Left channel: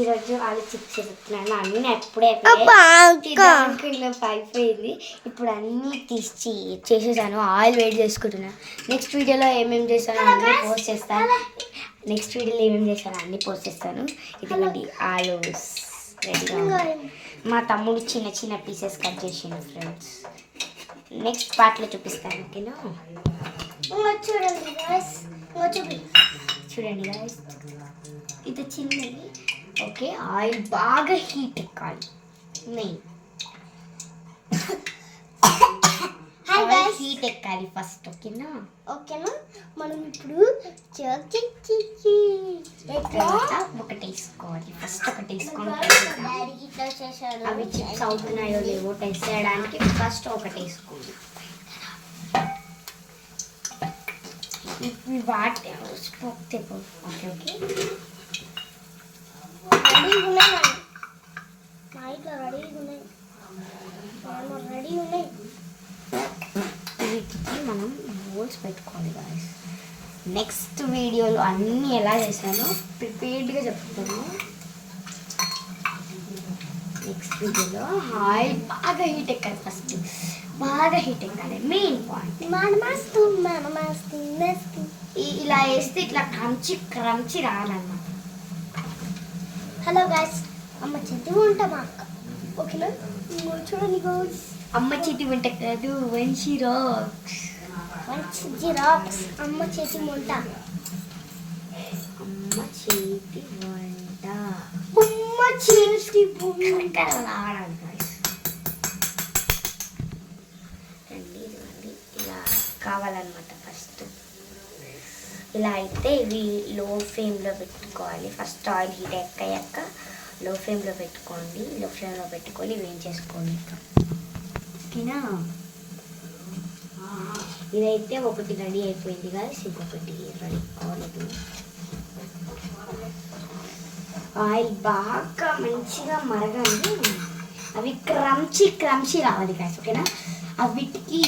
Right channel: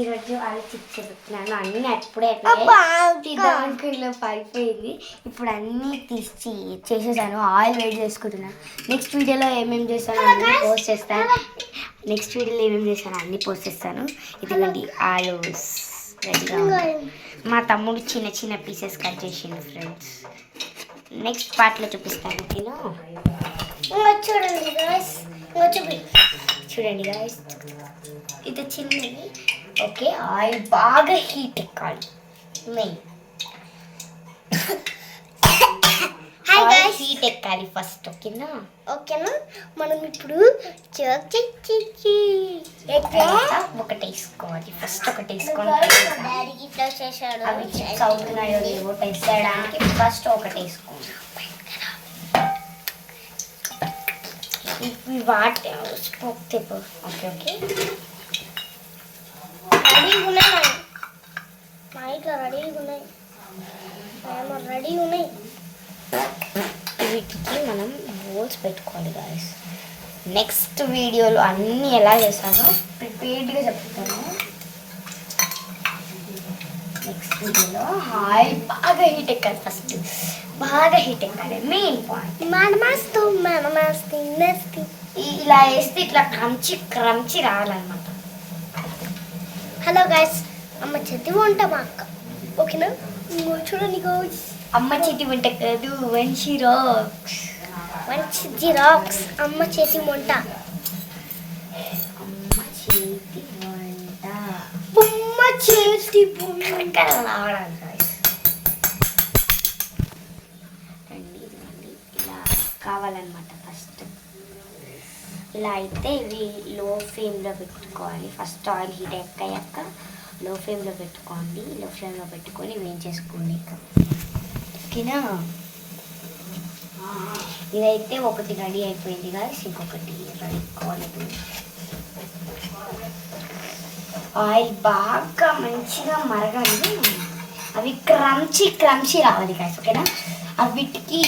ఈరోజు ఆలు చిప్స్ చెప్తున్నాను. అన్నీ అప్పుడే పడిపోయింది. ఇప్పుడు అన్నీ తీసి చేసేసాను. ఆయిల్ వేడి చేసుకుంటున్నాను. నెక్స్ట్ వీడియోలో ఏమేమి చేస్తానో అన్నీ పోస్ట్ చేస్తాను. ఇదిగోండి ఆలు రెడీగా ఉంది. మా తమ్ముడు చిన్న చిన్న పీసెస్ కట్ చేసిండు ఫ్రెండ్స్. నెక్స్ట్ పార్ట్లో చూపిస్తాను. చూడండి గాయస్, ఇది చిన్నది. ఓకే, ఆయిల్ బాగా హీట్ ఎక్కాలి. మెయిన్ హీట్ ఎక్కాలి ఫస్ట్. ఓకేనా మనం ఇప్పుడు ఒకటి వేసుకోవాలి. ఫస్ట్ ఒకటి వేసుకొని అవి చిప్స్ అవుతున్నాయో లేవో టెస్ట్ చేయడానికి ఫస్ట్ ఒకటి వేసుకోవాలి. ఇవి వాటి ఓకే ఓకే రెడీగా ఉన్నాయి. వీటికి మనం బోల్స్ పెట్టుకోవాలి గాయస్. నెక్స్ట్ వీడియోలో అన్నీ ఎలా చేశానో ప్రిపేర్డ్గా చెప్తాను. నెక్స్ట్ వీడియోలో ఆయిల్ బాగా హీట్ ఎక్కాలి. ఫస్ట్ బాగా హీట్ ఎక్కాలి, మెయిన్ పాయింట్. ఇలా వేస్తే ఇట్లా క్రంచి రావాలన్నమాట. హలో గైస్, అమ్మ చేతి వంట మా అక్క. ఓకేనా, చూడండి గైస్, అమ్మ చేతి వంట కాదు, వంశీ రాక్స్. అమ్మ చేతి వంట. రావడానికి గాయస్ ఇలా కావాలన్నమాట. ఫస్ట్ ఇలా అయితే ఇవి లో ఫ్లేమ్లో పెట్టుకోవాలి. ఫస్ట్ ఆయిల్ హీట్ ఎక్కాక లో ఫ్లేమ్లో పెట్టుకోండి. లో ఫ్లేమ్లో పెట్టుకొని వేయించేసుకోండి. ఓకేనా, ఇదైతే ఒకటి రెడీ అయిపోయింది గాయస్. ఇంకొకటి రెడీ కావాలి. ఆయిల్ బాగా మంచిగా మరగాలి. అవి క్రంచి రావాలి గాయస్. ఓకేనా, వీటికి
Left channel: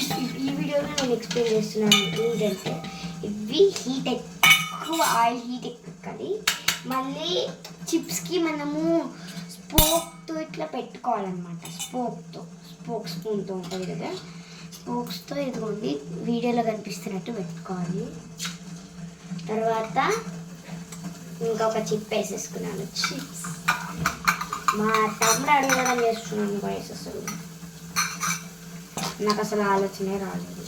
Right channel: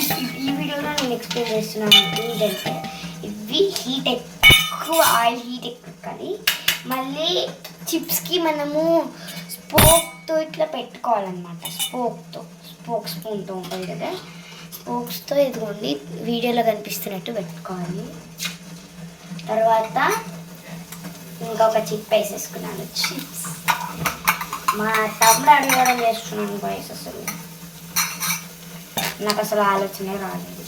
ఈ వీడియోలో నేను ఎక్స్ప్లెయిన్ చేస్తున్నాను ఏంటంటే, ఇవి హీట్ ఎక్కువ ఆయిల్ హీట్ ఎక్కాలి. మళ్ళీ చిప్స్కి మనము స్పోక్తో ఇట్లా పెట్టుకోవాలన్నమాట. స్పూన్తో ఉంటుంది కదా, స్పోక్స్తో ఇదిగోండి వీడియోలో కనిపిస్తున్నట్టు పెట్టుకోవాలి. తర్వాత ఇంకొక చిప్ వేసేసుకున్నాను. చిప్స్ మా తమ్ముడు అడగడం చేస్తున్నాను కూడా వేసేస్తాను. నాకు అసలు ఆలోచనే రాలేదు.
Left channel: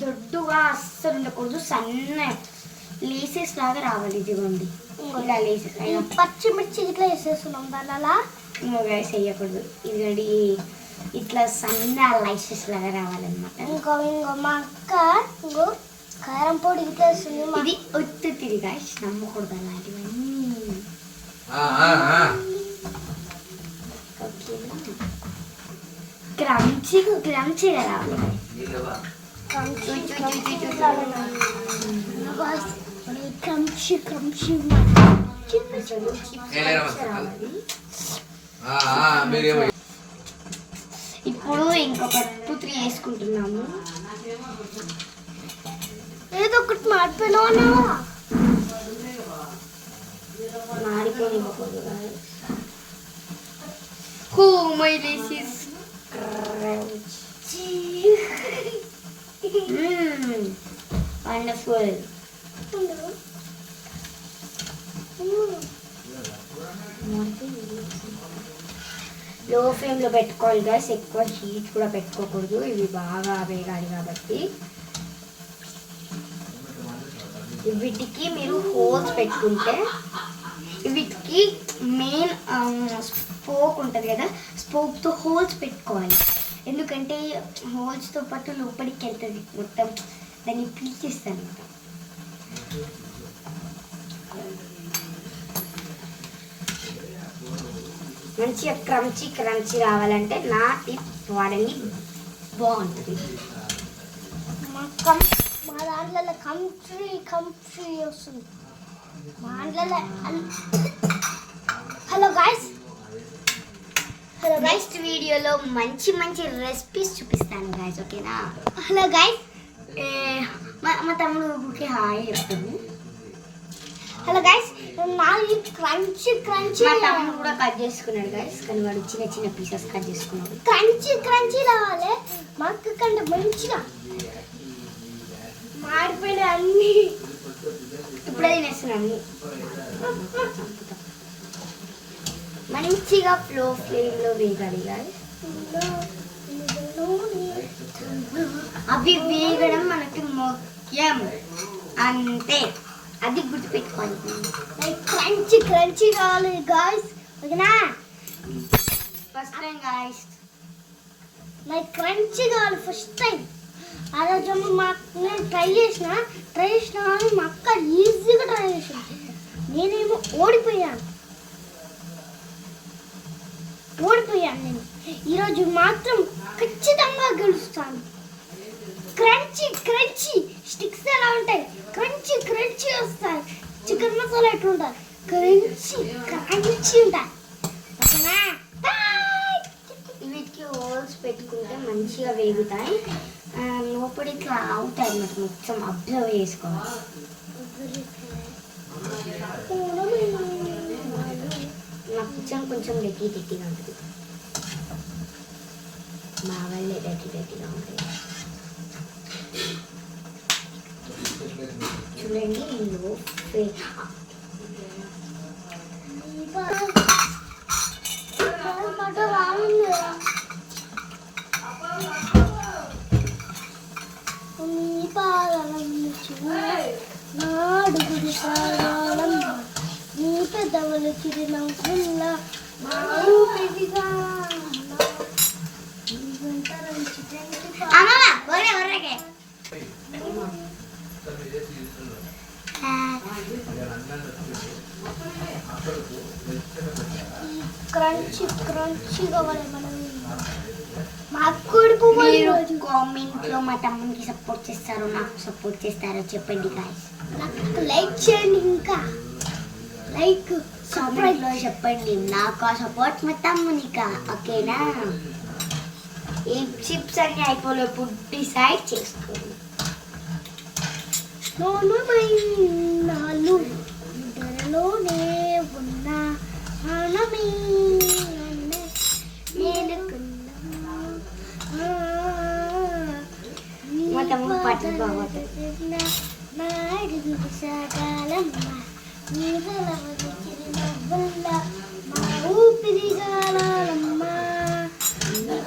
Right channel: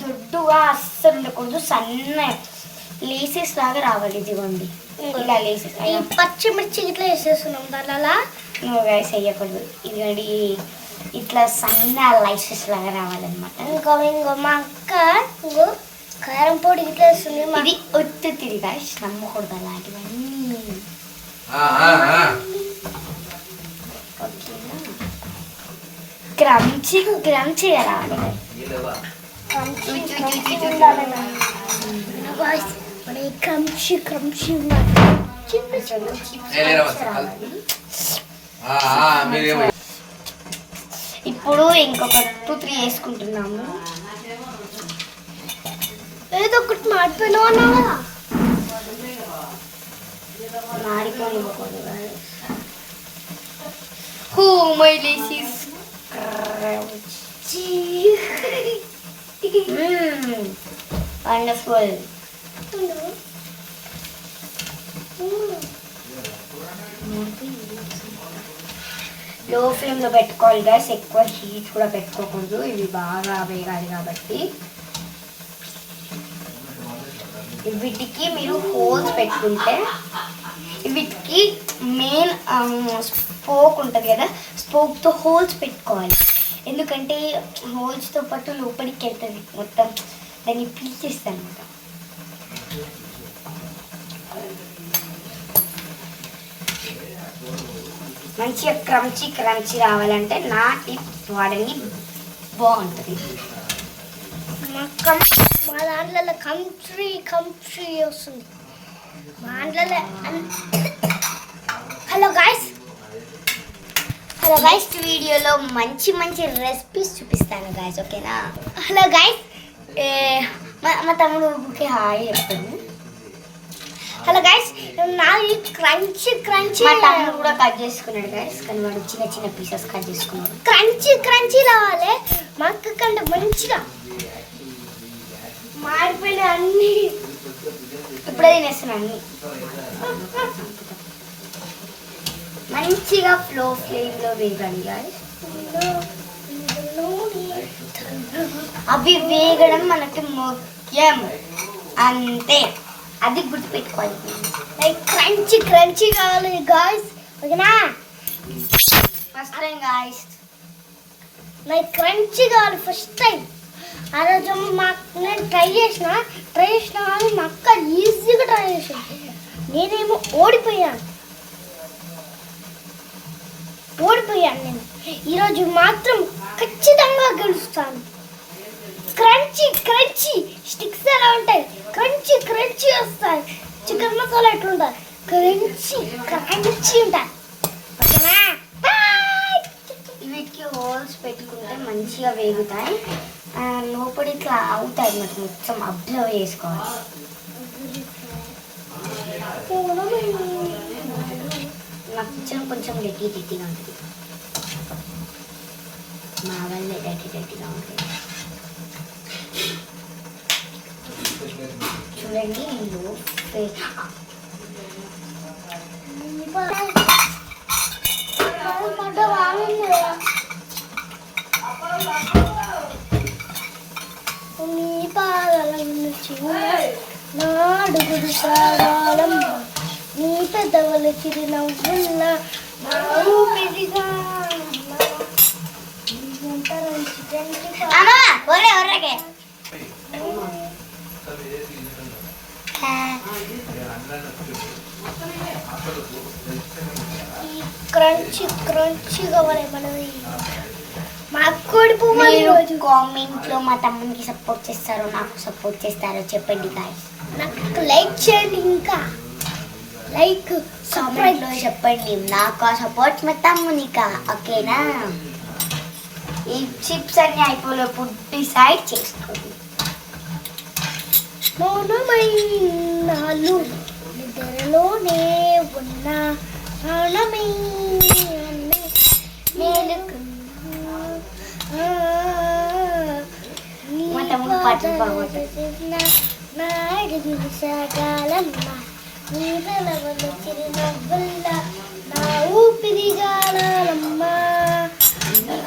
దొడ్డుగా అస్సలు ఉండకూడదు, సన్న లేసెస్ లాగా రావాలి. ఇదిగోండి ఇలా లేసెస్. పచ్చిమిర్చి ఇట్లా వేసేస్తున్నాం దానిలా వేసి వేయకూడదు. ఇదిగోండి ఇట్లా సన్న లైసెస్ లాగా రావాలన్నమాట. ఇంకో మా అక్క కారం పొడి ఇట్లా వేస్తుంది. ఇది ఒత్తిడి గాయస్, నమ్మకూడదు అలాంటివన్నీ. క్రంచిగా రావాలి. ఇప్పుడు ఇంకొక 2-3 వేసుకుంటున్నాము. ఏదో ఒకటి మాడిపోయినా కదా, మాడిపోయిపోదు. వండర్ఫుల్. లో ఫ్లేమ్లో పెట్టుకోవాలి గాయస్, ఎక్కువ హీట్ కూడా పెట్టుకోకూడదు. ఇవి బాగా వేగాలి కాబట్టి. వీటికి మీరు హోల్స్ పెట్టుకుంటే, వీటికి మెయిన్ స్పోక్ ఉంటుంది కదా, స్పోక్తో హోల్స్ పెట్టుకోవాలి. ఎందుకంటే హోల్స్తో పాటు లోపలికి వెళ్తుంది మొత్తం, దాన్ని పీల్చేస్తుంది అనమాట. మంచిగా క్రంచి రావాలంటే నా టిప్ వాడండి, బాగుంటుంది. మా దాంట్లో కంట్రీ వస్తుంది మా దాంట్లో. హలో గైస్, నెక్స్ట్ వీడియోలో మంచి రెసిపీస్ చూపిస్తాను గాయస్. ఓకేనా, హలో గైస్, మా తమ్ముడు హాయ్ చెప్తాను. Hello guys. నాది క్రంచీ క్రంచీ మా తమ్ముడు కూడా కట్ చేసుకున్నాడు గైస్, కానీ వాడు చిన్న చిన్న పీసెస్ కట్ చేసుకున్నాడు. క్రంచీ క్రంచీ రావాలి మా అక్క కంటే మంచిగా. మాడిపోయిన అన్ని ఇప్పుడే తినేస్తున్నాను. మంచిగా ఫ్లేమ్లో వేగాలి గైస్. అవి వేగడం మనకి ముఖ్యం అంతే, అది గుర్తుపెట్టుకోవాలి. క్రంచీ క్రంచీ కావాలి గాయస్, ఓకేనా? ఫస్ట్ టైం గాయస్ నాకు క్రంచీ కావాలి ఫస్ట్ టైం. ఆ రోజు నేను ట్రై చేసిన కానీ మా అక్క ఈజీగా ట్రై చేసింది, నేనేమో ఓడిపోయాను నేను. ఈరోజు మాత్రం ఖచ్చితంగా గెలుస్తాను. క్రంచీ క్రంచీ స్టిక్స్ ఎలా ఉంటాయి, క్రంచీ క్రంచీ వస్తాయి. చికెన్ మసాలా ఎట్లుంటాయి, క్రంచీ క్రంచీ ఉంటాయి, ఓకేనా? వీటికి హోల్స్ పెట్టుకుంటే మంచిగా వేగుతాయి. లోపలి ఇట్లా అవుతాయి అన్నమాట, మొత్తం అబ్జర్వ్ చేసుకోవాలి. నా కిచెన్ కొంచెం డెట్టిగా ఉంటుంది, మా వాళ్ళే డెట్టిగా ఉంటుంది. చూడండి నాడుగుడు సాగాలం నీ పెద్దవల చిరునవ్వుల్ల మా ఊపిరిగా క్రంచీ క్రంచీ కావాలి మనది. మా కోడి పువ్వు ఈరోజు కామెంట్లో మా తమ్మునికి సపోర్ట్ చేస్తారో నాకు సపోర్ట్ చేస్తారో చెప్పండి గాయ్స్. నాకు లైక్ చేయండి, ఇంకా లైక్ కామెంట్లో చెప్పండి. నాకు సపోర్ట్ మా తమ్మునికా, ఓకేనా? ఈ చిప్స్ అన్ని అయిపోలేప్పుడు డిసైడ్ చేసుకోండి. నాలు నిద్రలోనే ఉన్నా మా తమ్ముడు పాటలు బాగుంటాయి. నాడుగుడు సాగాలమ్మ నీ పెదవుల చిరునవ్వుల్ల నా ఊపిరిగాలమ్మ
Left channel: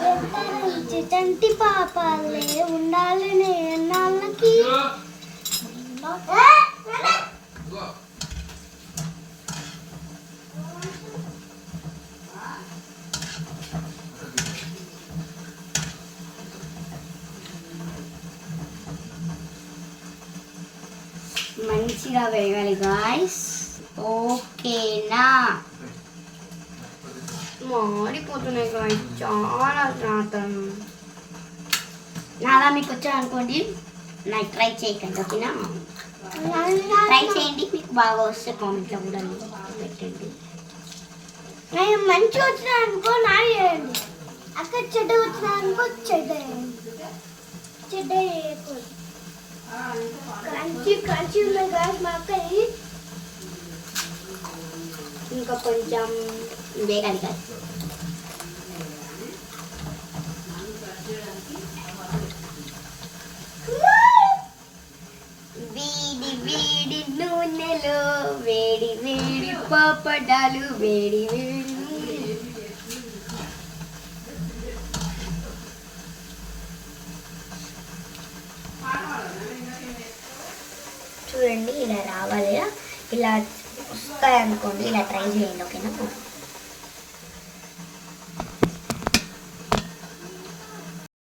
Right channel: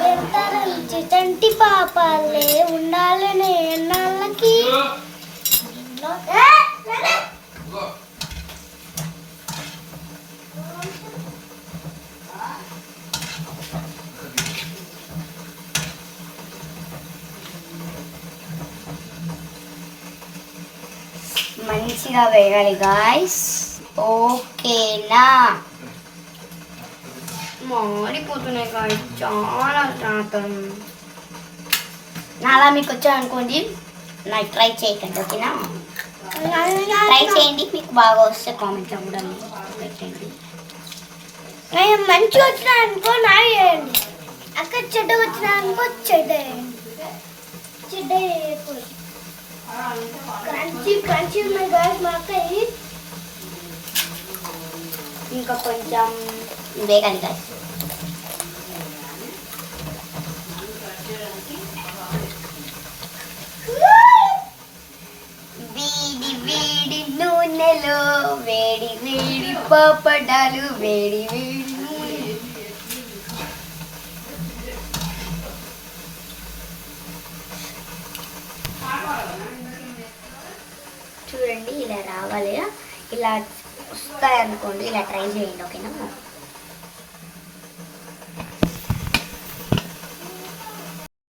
వెంటరించి చంటి పాపాలే ఉండాలనే నాళ్ళకి. మంచిగా వేయాలి గాయ్స్, ఓకేనా? మాడిపోతున్నాయి గాయ్స్, చాలా శాతం. నాలా మీకు వచ్చా అనుకోండి, నాకు ట్రై చేయకండి, ఓకేనా? ట్రై చేయండి, మీకు బాగా వస్తే కామెంట్లో కూడా పెట్టండి. మంచిగా వచ్చినా అనుకో నాకు చేయండి, అక్కడ చెడ్డ వచ్చినా అనుకో చెడ్డ వేయండి. క్రంచీ క్రంచీ ఉన్నాయి గాయస్ మా అక్కయ్య. ఇంకా కొంచెం వేగాలి గాయస్. వేడి వేడి నూనెలో వేడి వేడి పాపడాలు, వేడి వేడి నూనె. చూడండి ఇలా రావాలి, ఇలా వస్తాయి అనుకోండి, ఇలా ట్రై చేయండి, ఓకేనా?